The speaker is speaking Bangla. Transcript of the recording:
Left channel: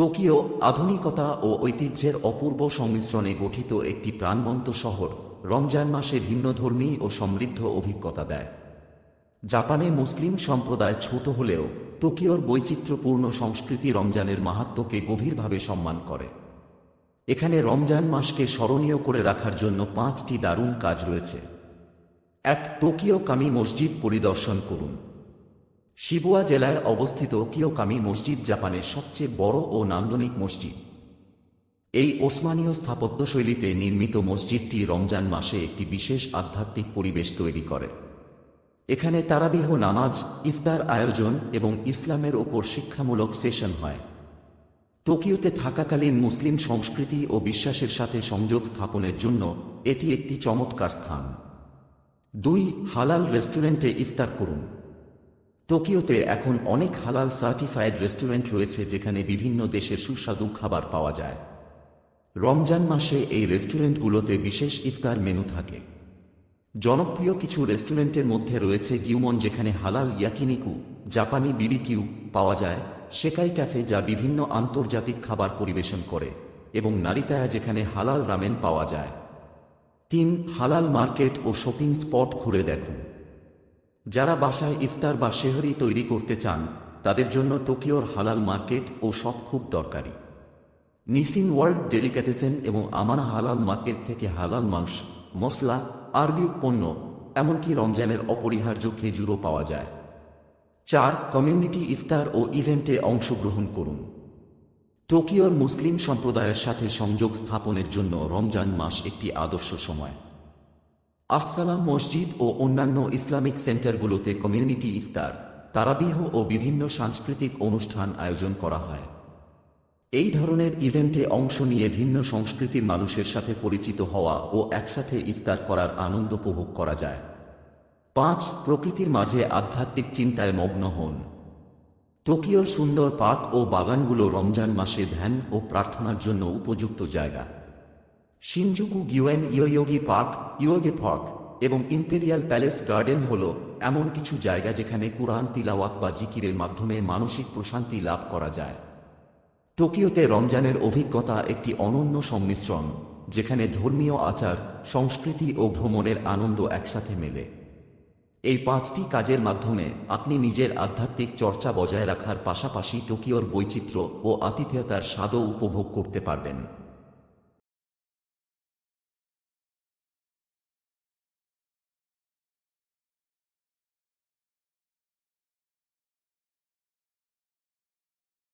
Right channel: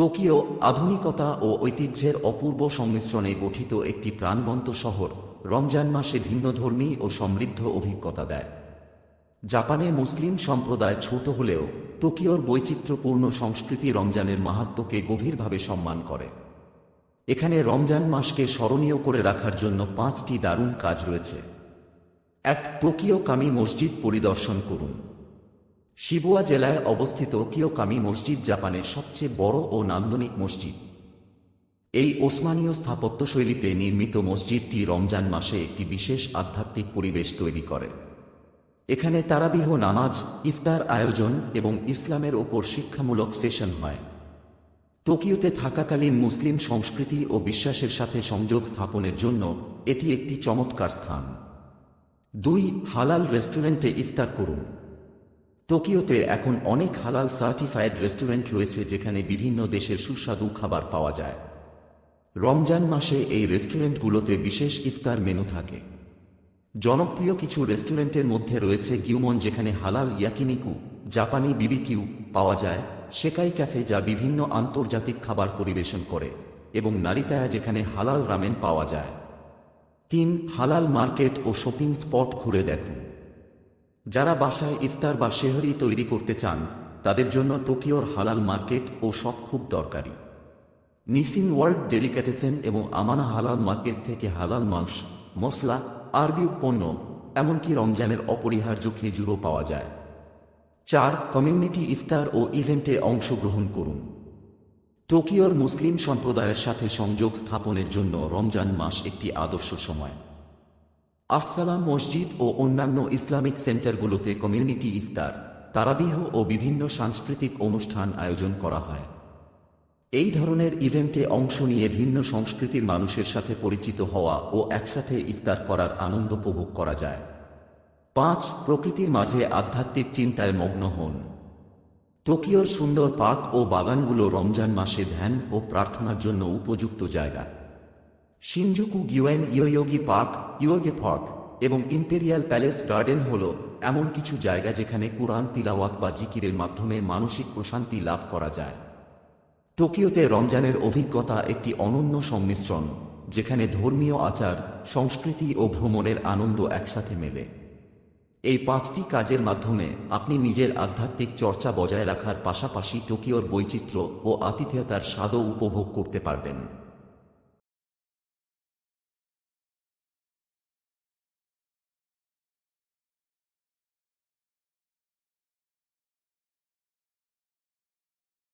টোকিও আধুনিকতা ও ঐতিহ্যের অপূর্ব সংমিশ্রণে গঠিত একটি প্রাণবন্ত শহর। রমজান মাসে ভিন্নধর্মী ও সমৃদ্ধ অভিজ্ঞতা দেয়। জাপানে মুসলিম সম্প্রদায় ছোট হলেও টোকিওর বৈচিত্র্যপূর্ণ সংস্কৃতি রমজানের মাহাত্ম্যকে গভীরভাবে সম্মান করে। এখানে রমজান মাসকে স্মরণীয় করে রাখার জন্য 5টি দারুণ কাজ রয়েছে। 1. টোকিও কামি মসজিদ পরিদর্শন করুন। শিবুয়া জেলায় অবস্থিত কিয়োকামি মসজিদ জাপানের সবচেয়ে বড় ও নান্দনিক মসজিদ। এই ওসমানীয় স্থাপত্যশৈলীতে নির্মিত মসজিদটি রমজান মাসে একটি বিশেষ আধ্যাত্মিক পরিবেশ তৈরি করে। এখানে তারাবিহ নামাজ, ইফতার আয়োজন এবং ইসলামের উপর শিক্ষামূলক সেশন হয়। টোকিওতে থাকাকালীন মুসলিম সংস্কৃতি ও বিশ্বাসের সাথে সংযোগ স্থাপনের জন্য এটি একটি চমৎকার স্থান। 2. হালাল রেস্টুরেন্টে ইফতার করুন। টোকিওতে এখন অনেক হালাল সার্টিফাইড রেস্টুরেন্ট রয়েছে যেখানে বিভিন্ন দেশের সুস্বাদু খাবার পাওয়া যায়। রমজান মাসে এই রেস্টুরেন্টগুলোতে বিশেষ ইফতার মেনু থাকে। জনপ্রিয় কিছু রেস্টুরেন্টের মধ্যে রয়েছে গিউমন, যেখানে হালাল ইয়াকিনিকু, জাপানি বিবিকিউ পাওয়া যায়, সেকাই ক্যাফে যা বিভিন্ন আন্তর্জাতিক খাবার পরিবেশন করে, এবং নারিতায়া যেখানে হালাল রামেন পাওয়া যায়। 3. হালাল মার্কেট ও শপিং স্পট ঘুরে দেখুন। যারা বাসায় ইফতার বা সেহরি তৈরি করতে চান তাদের জন্য টোকিওর হালাল মার্কেট ও শপ খুব দরকারি। নিসিন ওয়ার্ল্ড ডেলিকেটেসেন এবং আমানা হালাল মার্কেট থেকে হালাল মাংস, মশলা, আরবি পণ্য, এমনকি রমজানের অপরিহার্য খেজুরও পাওয়া যায়। 4. কমিউনিটি ইফতার ও ইভেন্টে অংশগ্রহণ করুন। টোকিওর মুসলিম সম্প্রদায়ের সাথে সংযোগ স্থাপনের জন্য রমজান মাস একটি আদর্শ সময়। আসসালাম মসজিদ ও অন্যান্য ইসলামিক সেন্টারগুলোতে কমিউনিটি ইফতার, তারাবিহ ও বিভিন্ন সাংস্কৃতিক অনুষ্ঠান আয়োজন করা হয়। এই ধরনের ইভেন্টে অংশ নিয়ে ভিন্ন সংস্কৃতির মানুষের সাথে পরিচিত হওয়া ও একসাথে ইফতার করার আনন্দ উপভোগ করা যায়। 5. প্রকৃতির মাঝে আধ্যাত্মিক চিন্তায় মগ্ন হন। টোকিওর সুন্দর পার্ক ও বাগানগুলো রমজান মাসে ধ্যান ও প্রার্থনার জন্য উপযুক্ত জায়গা। শিনজুকু গিওয়েন ইয়োয়োগি পার্ক, ইয়োগে পার্ক এবং ইম্পেরিয়াল প্যালেস গার্ডেন হল এমন কিছু জায়গা যেখানে কুরআন তিলাওয়াত বা জিকিরের মাধ্যমে মানসিক প্রশান্তি লাভ করা যায়। টোকিওতে রমজানের অভিজ্ঞতা একটি অনন্য সংমিশ্রণ, যেখানে ধর্মীয় আচার, সংস্কৃতি ও ভ্রমণের আনন্দ একসাথে মেলে। এই 5টি কাজের মাধ্যমে আপনি নিজের আধ্যাত্মিক চর্চা বজায় রাখার পাশাপাশি টোকিওর বৈচিত্র্য ও আতিথেয়তার স্বাদও উপভোগ করতে পারবেন।